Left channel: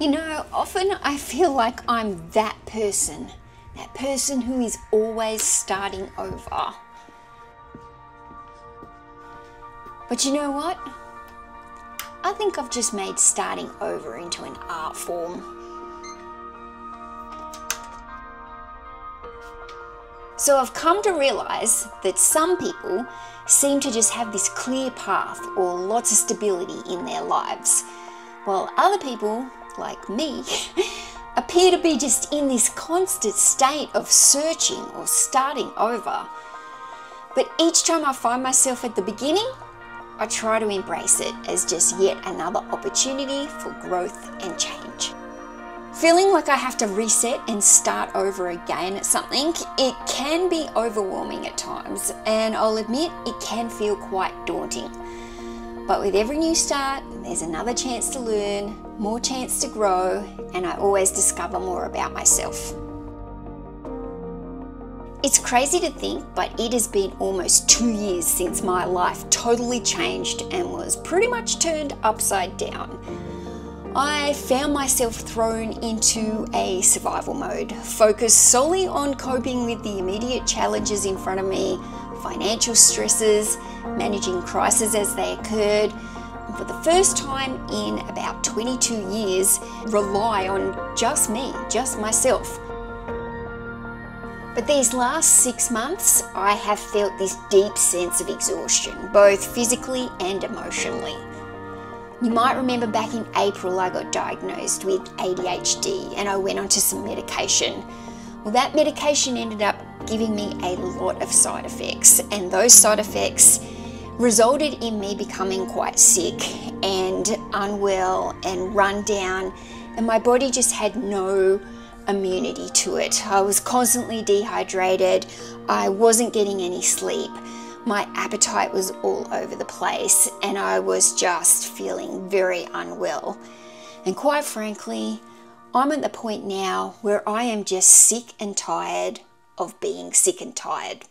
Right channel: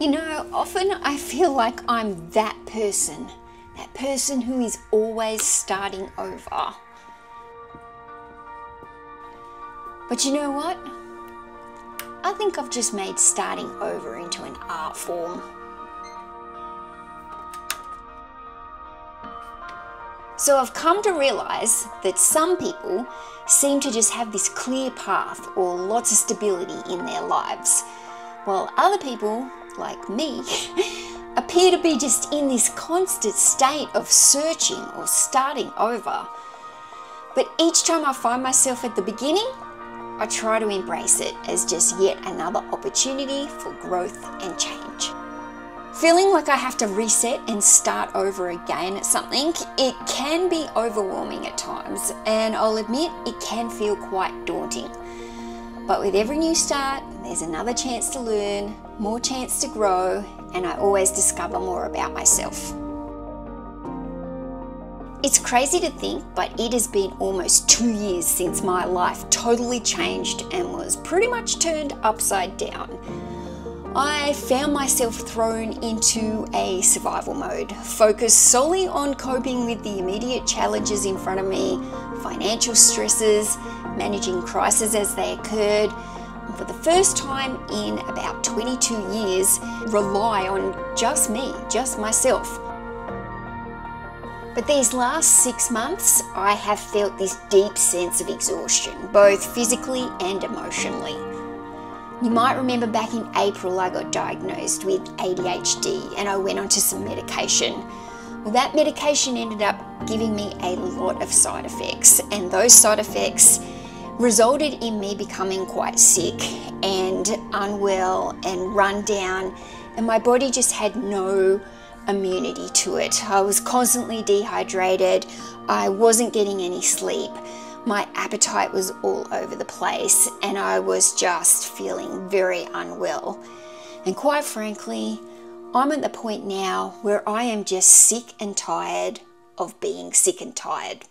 You know, often I feel like I'm that person who is always starting over. But you know what? I think I've just made starting over into an art form. So I've come to realize that some people seem to just have this clear path or lots of stability in their lives, while other people, like me, appear to be just in this constant state of searching or starting over. But each time I find myself at the beginning, I try to embrace it as just yet another opportunity for growth and change. Feeling like I have to reset and start over again at something, it can be overwhelming at times, and I'll admit it can feel quite daunting. But with every new start, there's another chance to learn, more chance to grow, and I always discover more about myself. It's crazy to think, but it has been almost 2 years since my life totally changed and was pretty much turned upside down. I found myself thrown into a survival mode, focused solely on coping with the immediate challenges in front of me, financial stresses, managing crises as they occurred, and for the first time in about 22 years, rely on just me, just myself. But these last 6 months, I have felt this deep sense of exhaustion, both physically and emotionally. You might remember back in April I got diagnosed with ADHD and I went onto some medication. Well, that medication ended up giving me a lot of side effects, and those side effects resulted in me becoming quite sick and unwell and run down, and my body just had no immunity to it. I was constantly dehydrated, I wasn't getting any sleep, my appetite was all over the place, and I was just feeling very unwell. And quite frankly, I'm at the point now where I am just sick and tired of being sick and tired.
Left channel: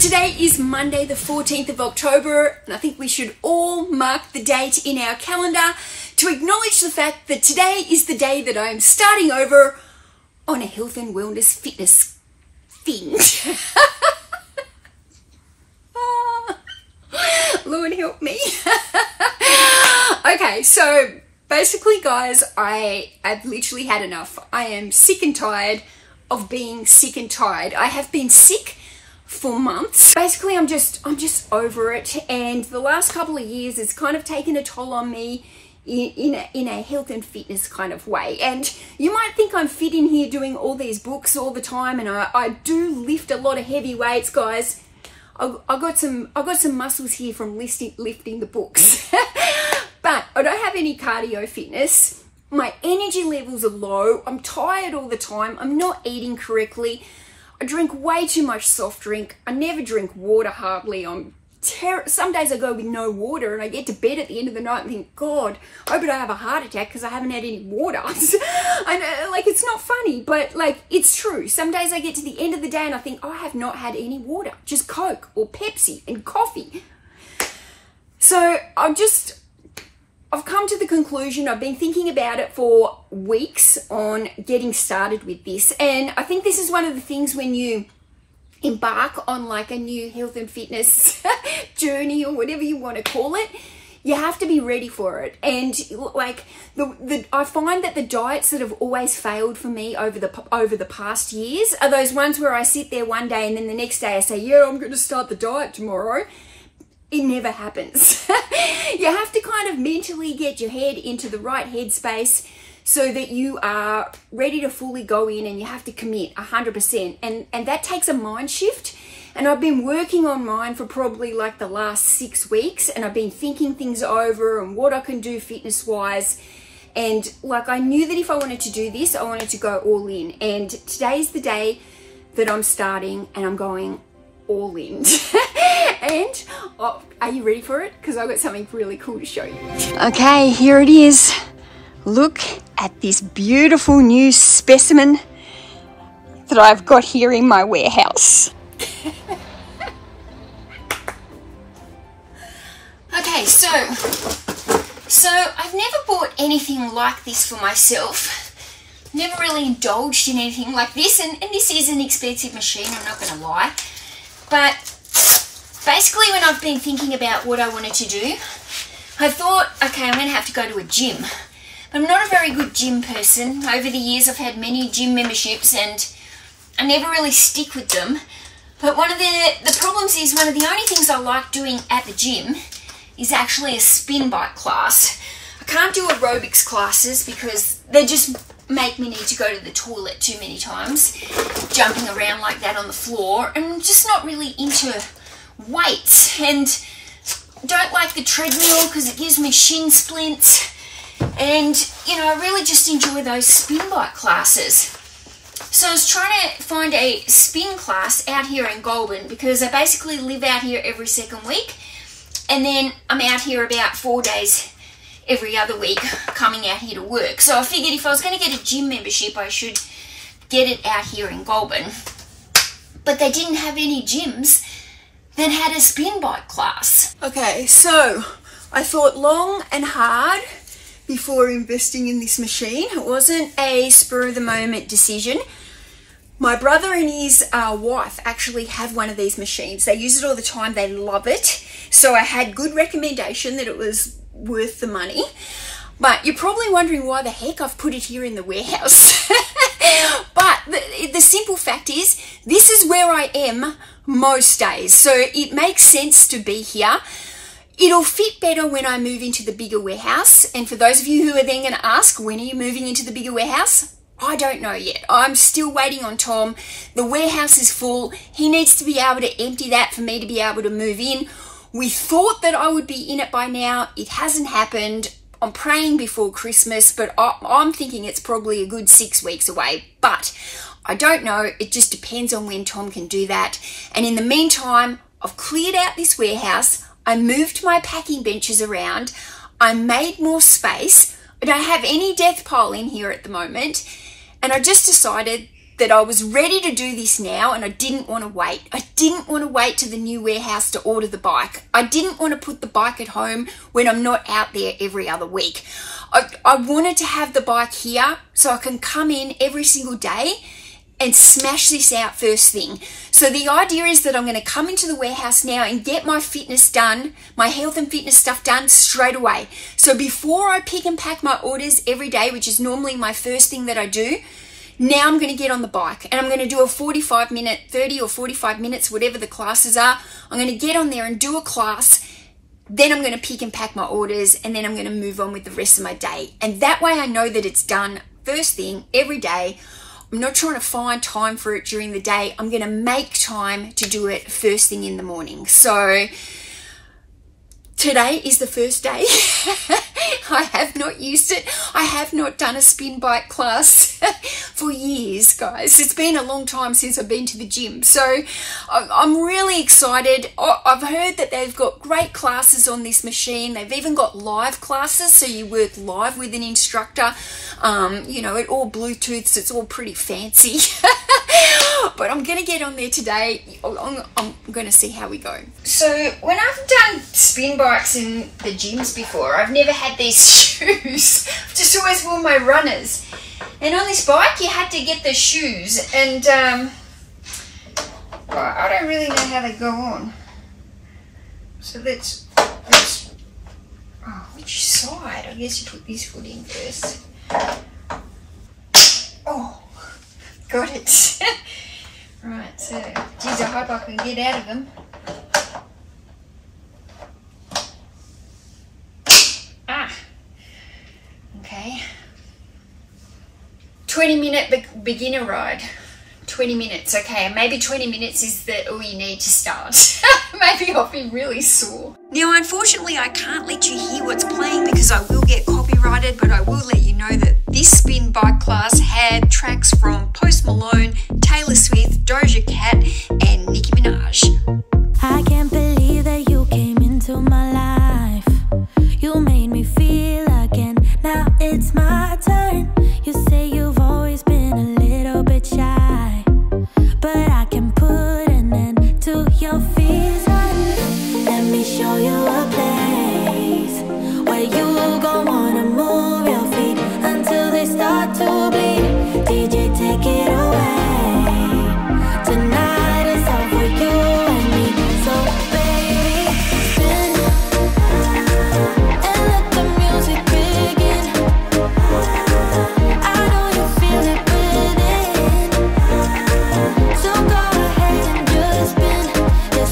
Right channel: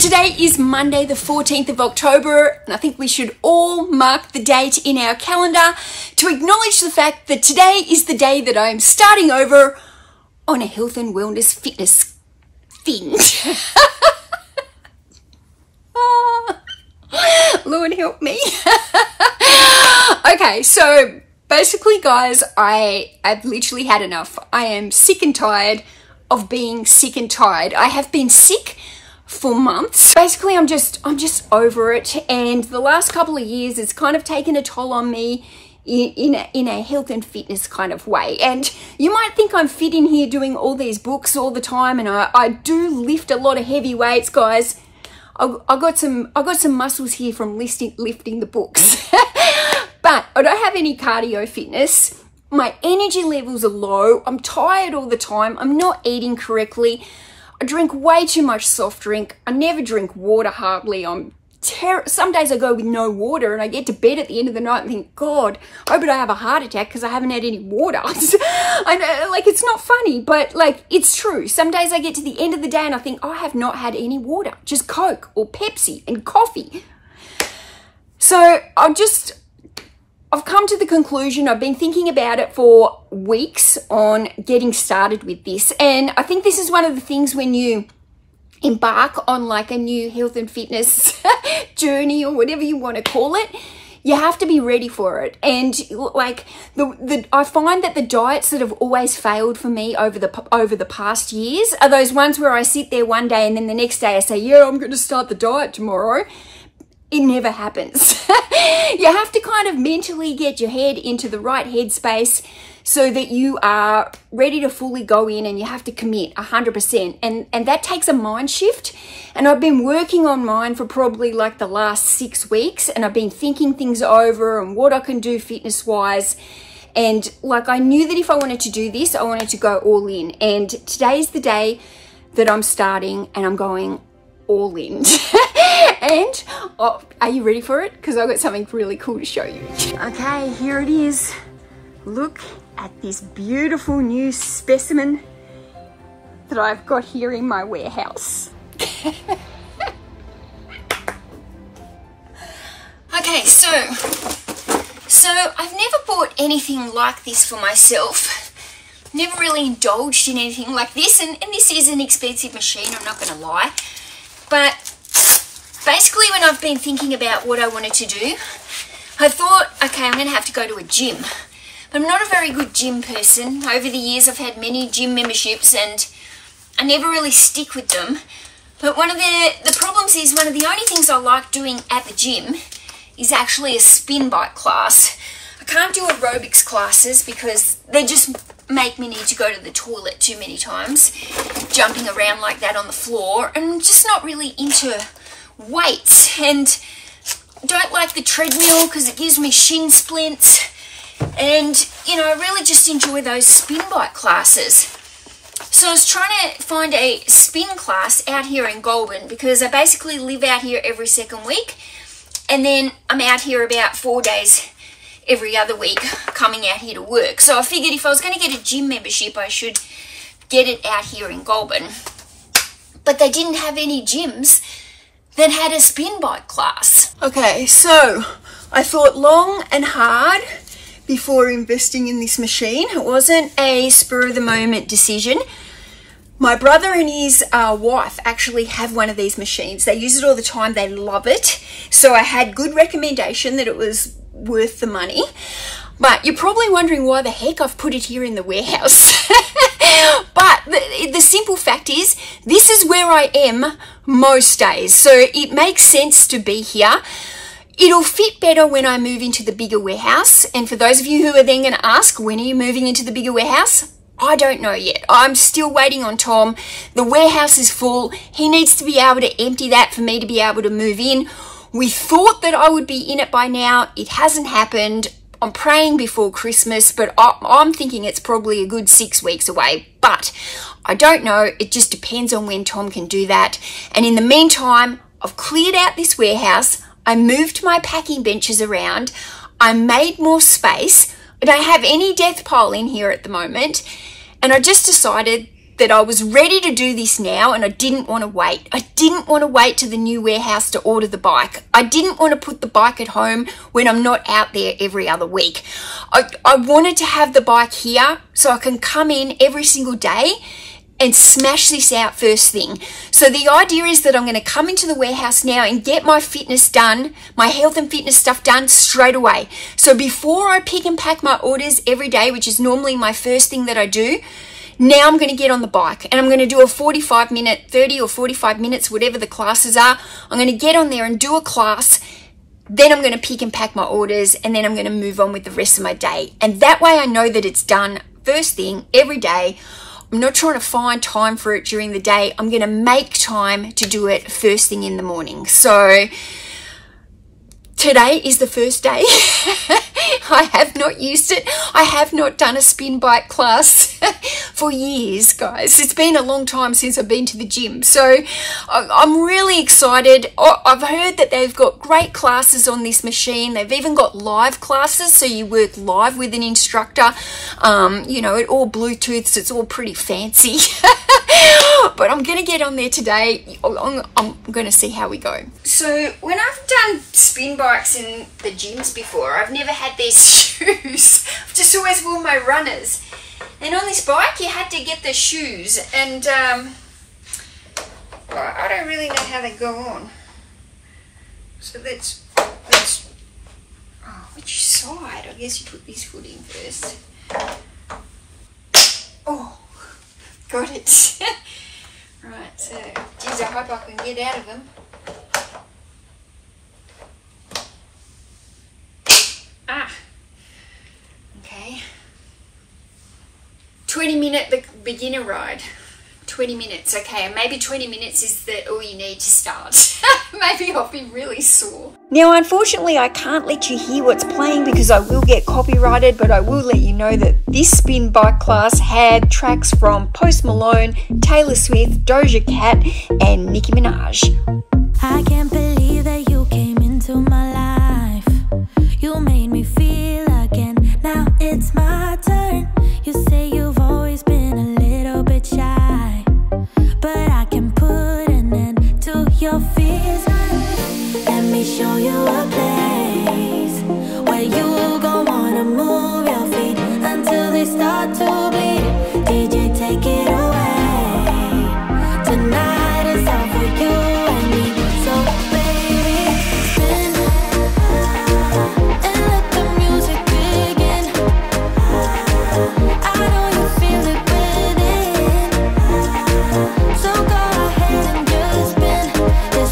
Today is Monday the 14th of October, and I think we should all mark the date in our calendar to acknowledge the fact that today is the day that I'm starting over on a health and wellness fitness thing. Lord help me. Okay, so basically guys, I've literally had enough. I am sick and tired of being sick and tired. I have been sick for months. Basically, I'm just over it, and the last couple of years it's kind of taken a toll on me in a health and fitness kind of way. And you might think I'm fit in here doing all these books all the time, and I do lift a lot of heavy weights, guys. I got some muscles here from lifting the books. But I don't have any cardio fitness. My energy levels are low. I'm tired all the time. I'm not eating correctly. I drink way too much soft drink. I never drink water hardly. Some days I go with no water, and I get to bed at the end of the night and think, God, I hope I don't have a heart attack because I haven't had any water. I know, like, it's not funny, but like, it's true. Some days I get to the end of the day and I think, I have not had any water, just Coke or Pepsi and coffee. So I've come to the conclusion, I've been thinking about it for weeks on getting started with this. And I think this is one of the things when you embark on like a new health and fitness journey or whatever you want to call it, you have to be ready for it. And like I find that the diets that have always failed for me over the past years are those ones where I sit there one day and then the next day I say, yeah, I'm going to start the diet tomorrow. It never happens. You have to kind of mentally get your head into the right headspace, so that you are ready to fully go in and you have to commit 100%. And that takes a mind shift. And I've been working on mine for probably like the last 6 weeks, and I've been thinking things over and what I can do fitness wise. And like, I knew that if I wanted to do this, I wanted to go all in. And today's the day that I'm starting, and I'm going all in. And oh, are you ready for it? Because I've got something really cool to show you. Okay, here it is. Look at this beautiful new specimen that I've got here in my warehouse. Okay, so I've never bought anything like this for myself. Never really indulged in anything like this, and this is an expensive machine, I'm not going to lie. But basically, when I've been thinking about what I wanted to do, I thought, okay, I'm going to have to go to a gym. I'm not a very good gym person. Over the years, I've had many gym memberships and I never really stick with them. But one of the problems is, one of the only things I like doing at the gym is actually a spin bike class. I can't do aerobics classes because they just make me need to go to the toilet too many times, jumping around like that on the floor. And I'm just not really into weights, and don't like the treadmill because it gives me shin splints. And, you know, I really just enjoy those spin bike classes. So I was trying to find a spin class out here in Goulburn, because I basically live out here every second week. And then I'm out here about 4 days every other week coming out here to work. So I figured if I was going to get a gym membership, I should get it out here in Goulburn. But they didn't have any gyms that had a spin bike class. Okay, so I thought long and hard before investing in this machine. It wasn't a spur of the moment decision. My brother and his wife actually have one of these machines. They use it all the time. They love it. So I had good recommendation that it was worth the money. But you're probably wondering why the heck I've put it here in the warehouse. But the simple fact is, this is where I am most days. So it makes sense to be here. It'll fit better when I move into the bigger warehouse. And for those of you who are then going to ask, when are you moving into the bigger warehouse? I don't know yet. I'm still waiting on Tom. The warehouse is full. He needs to be able to empty that for me to be able to move in. We thought that I would be in it by now. It hasn't happened. I'm praying before Christmas, but I'm thinking it's probably a good 6 weeks away. But I don't know. It just depends on when Tom can do that. And in the meantime, I've cleared out this warehouse. I moved my packing benches around. I made more space. I don't have any death pile in here at the moment. And I just decided that I was ready to do this now, and I didn't want to wait. I didn't want to wait to the new warehouse to order the bike. I didn't want to put the bike at home when I'm not out there every other week. I wanted to have the bike here so I can come in every single day and smash this out first thing. So the idea is that I'm going to come into the warehouse now and get my fitness done, my health and fitness stuff done straight away. So before I pick and pack my orders every day, which is normally my first thing that I do, now I'm going to get on the bike and I'm going to do a 45-minute, 30 or 45 minutes, whatever the classes are. I'm going to get on there and do a class. Then I'm going to pick and pack my orders, and then I'm going to move on with the rest of my day. And that way I know that it's done first thing every day. I'm not trying to find time for it during the day. I'm going to make time to do it first thing in the morning. So today is the first day. I have not used it. I have not done a spin bike class for years, guys. It's been a long time since I've been to the gym. So I'm really excited. I've heard that they've got great classes on this machine. They've even got live classes, so you work live with an instructor. You know, it all Bluetooths. It's all pretty fancy. But I'm going to get on there today. I'm going to see how we go. So when I've done spin bikes in the gyms before, I've never had these shoes. I've just always worn my runners. And on this bike, you had to get the shoes. And well, I don't really know how they go on. So let's oh, which side? I guess you put this foot in first. Oh, got it. Right, so geez, I hope I can get out of them. Ah, okay. 20-minute beginner ride. 20 minutes, okay, maybe 20 minutes is all you need to start. Maybe I'll be really sore. Now, unfortunately, I can't let you hear what's playing because I will get copyrighted, but I will let you know that this spin bike class had tracks from Post Malone, Taylor Swift, Doja Cat, and Nicki Minaj. I can't believe that you came into my life. You made me feel again, now it's my turn. You say you've always been a little bit shy, but I can put an end to your fears. Let me show you a place where you gon' wanna move your feet until they start to bleed. DJ, take it away. Tonight is all for you and me. So baby, spin and let the music begin. I know you feel it within, so go ahead and just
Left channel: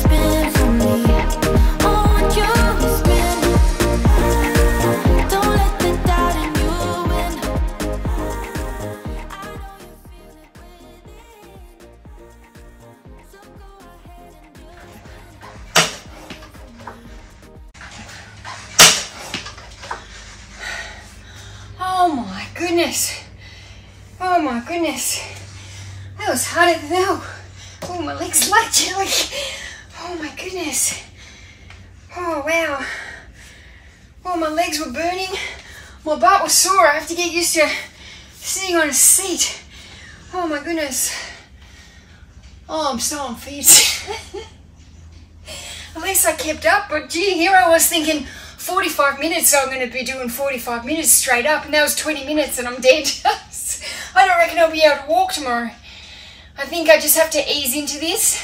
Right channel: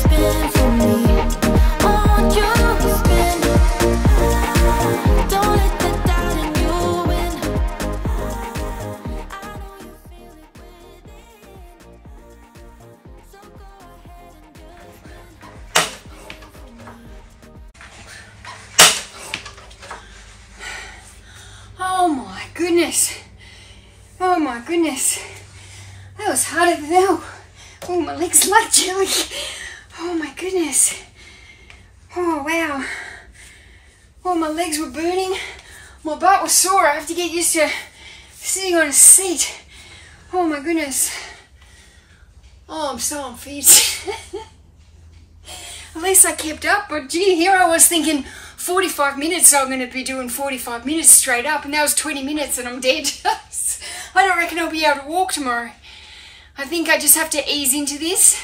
spin for me. Won't you spin? Don't let the doubt in you win. I know you feel it within, so go ahead and just spin for me. Oh my goodness. Oh my goodness. That was harder than hell. Oh, my legs like jelly. Oh my goodness. Oh wow. Oh, my legs were burning. My butt was sore. I have to get used to sitting on a seat. Oh my goodness. Oh, I'm so unfit. At least I kept up, but gee, here I was thinking 45 minutes, so I'm going to be doing 45 minutes straight up, and that was 20 minutes and I'm dead. I don't reckon I'll be able to walk tomorrow. I think I just have to ease into this,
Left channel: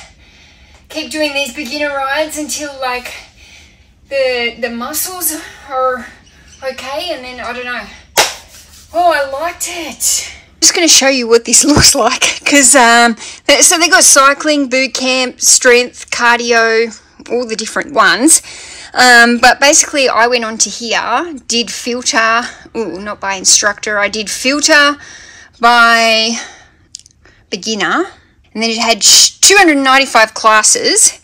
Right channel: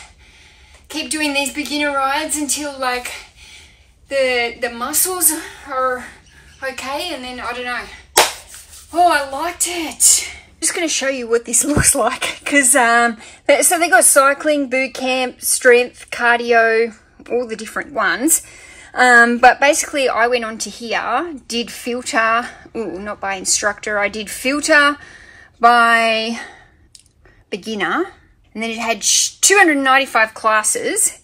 keep doing these beginner rides until like the muscles are okay, and then I don't know. Oh, I liked it. I'm just going to show you what this looks like, because so they got cycling, boot camp, strength, cardio, all the different ones. But basically I went on to here, did filter, not by instructor, I did filter by beginner, and then it had 295 classes.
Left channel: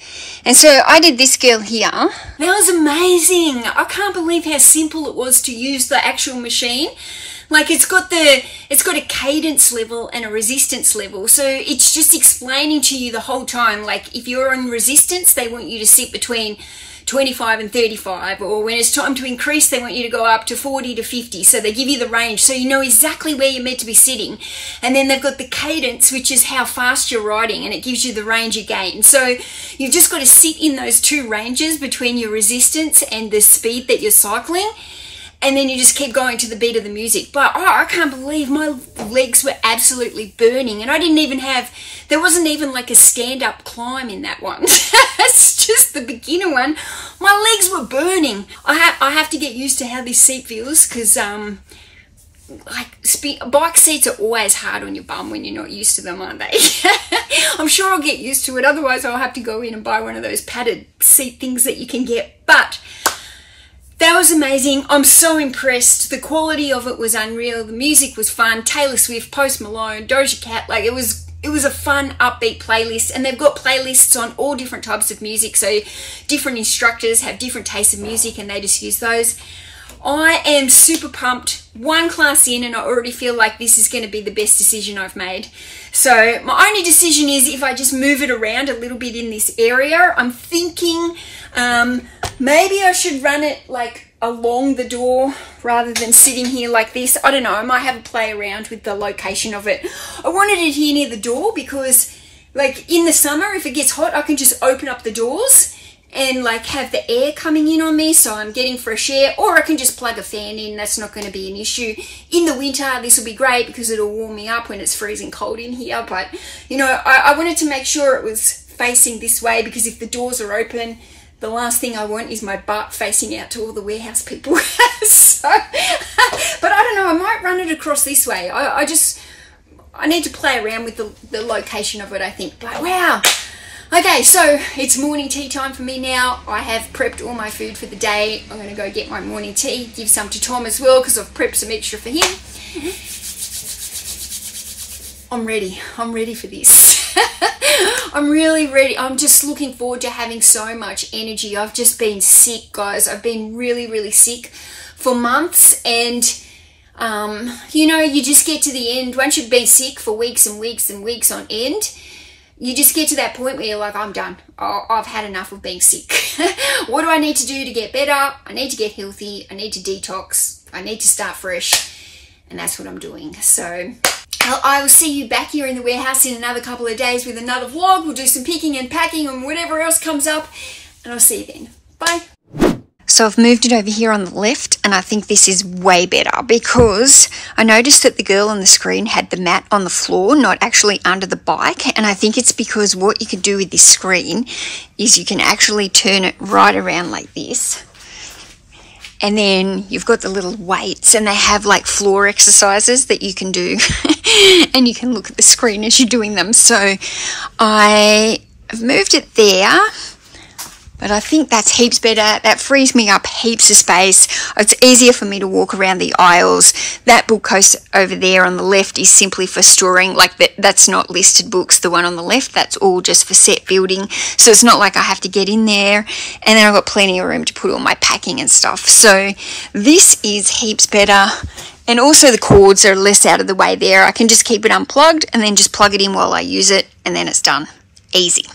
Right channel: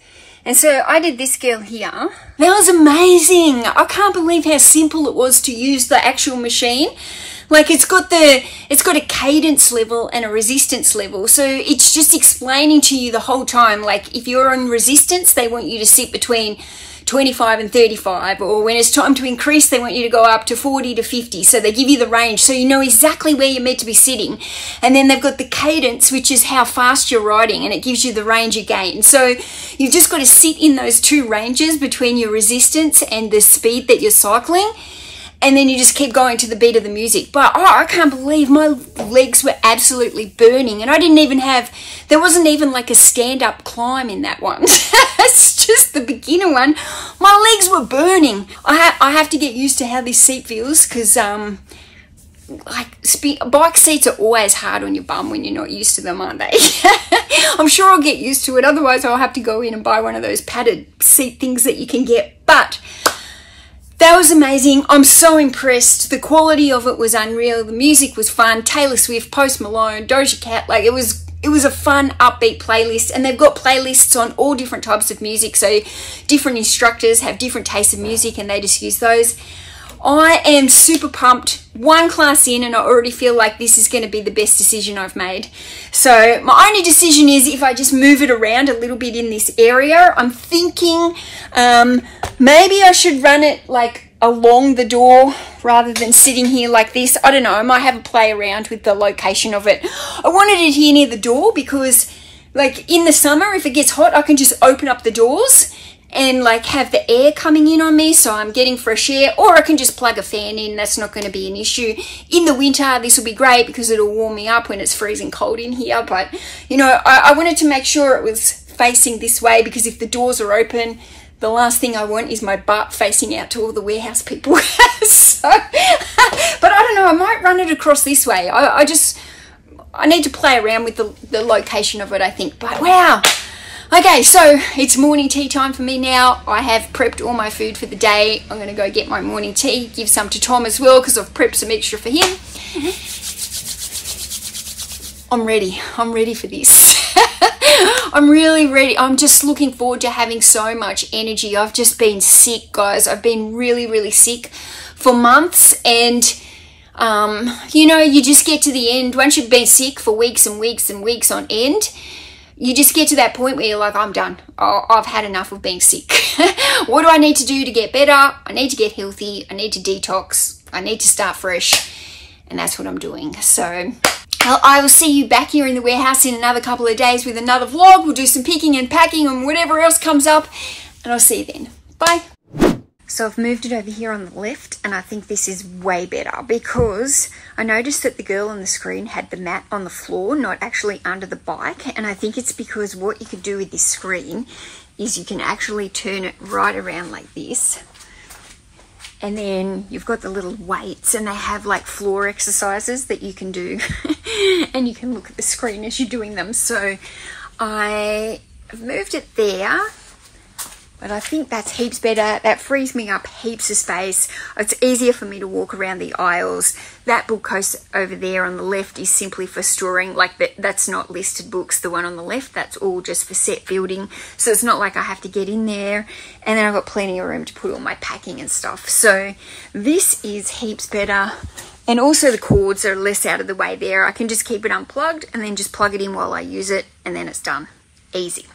And so I did this girl here. That was amazing. I can't believe how simple it was to use the actual machine. Like it's got a cadence level and a resistance level. So it's just explaining to you the whole time. Like if you're in resistance, they want you to sit between 25 and 35, or when it's time to increase, they want you to go up to 40 to 50. So they give you the range, so you know exactly where you're meant to be sitting. And then they've got the cadence, which is how fast you're riding, and it gives you the range again. So you've just got to sit in those two ranges between your resistance and the speed that you're cycling. And then you just keep going to the beat of the music. But I can't believe my legs were absolutely burning. And I didn't even have, there wasn't even like a stand-up climb in that one. It's just the beginner one. My legs were burning. I have to get used to how this seat feels, because bike seats are always hard on your bum when you're not used to them, aren't they? I'm sure I'll get used to it. Otherwise, I'll have to go in and buy one of those padded seat things that you can get. But that was amazing. I'm so impressed. The quality of it was unreal. The music was fun. Taylor Swift, Post Malone, Doja Cat. Like it was a fun, upbeat playlist. And they've got playlists on all different types of music. So different instructors have different tastes of music, and they just use those. I am super pumped. One class in, and I already feel like this is going to be the best decision I've made. So my only decision is if I just move it around a little bit in this area. I'm thinking maybe I should run it like along the door rather than sitting here like this. I don't know. I might have a play around with the location of it. I wanted it here near the door because like in the summer, if it gets hot, I can just open up the doors and like have the air coming in on me, so I'm getting fresh air, or I can just plug a fan in. That's not going to be an issue. In the winter, this will be great because it'll warm me up when it's freezing cold in here. But you know, I wanted to make sure it was facing this way, because if the doors are open, the last thing I want is my butt facing out to all the warehouse people. So, but I don't know, I might run it across this way. I need to play around with the location of it, I think. But wow. Okay, so it's morning tea time for me now. I have prepped all my food for the day. I'm going to go get my morning tea, give some to Tom as well because I've prepped some extra for him. I'm ready. I'm ready for this. I'm really ready. I'm just looking forward to having so much energy. I've just been sick, guys. I've been really, really sick for months, and you know, you just get to the end. Once you've been sick for weeks and weeks and weeks on end, you just get to that point where you're like, I'm done. I've had enough of being sick. What do I need to do to get better? I need to get healthy. I need to detox. I need to start fresh. And that's what I'm doing. So I will see you back here in the warehouse in another couple of days with another vlog. We'll do some picking and packing and whatever else comes up. And I'll see you then. Bye. So I've moved it over here on the left, and I think this is way better because I noticed that the girl on the screen had the mat on the floor, not actually under the bike. And I think it's because what you could do with this screen is you can actually turn it right around like this. And then you've got the little weights, and they have like floor exercises that you can do and you can look at the screen as you're doing them. So I've moved it there. But I think that's heaps better. That frees me up heaps of space. It's easier for me to walk around the aisles. That bookcase over there on the left is simply for storing, like that's not listed books. The one on the left, that's all just for set building. So it's not like I have to get in there. And then I've got plenty of room to put all my packing and stuff. So this is heaps better. And also the cords are less out of the way there. I can just keep it unplugged and then just plug it in while I use it, and then it's done. Easy.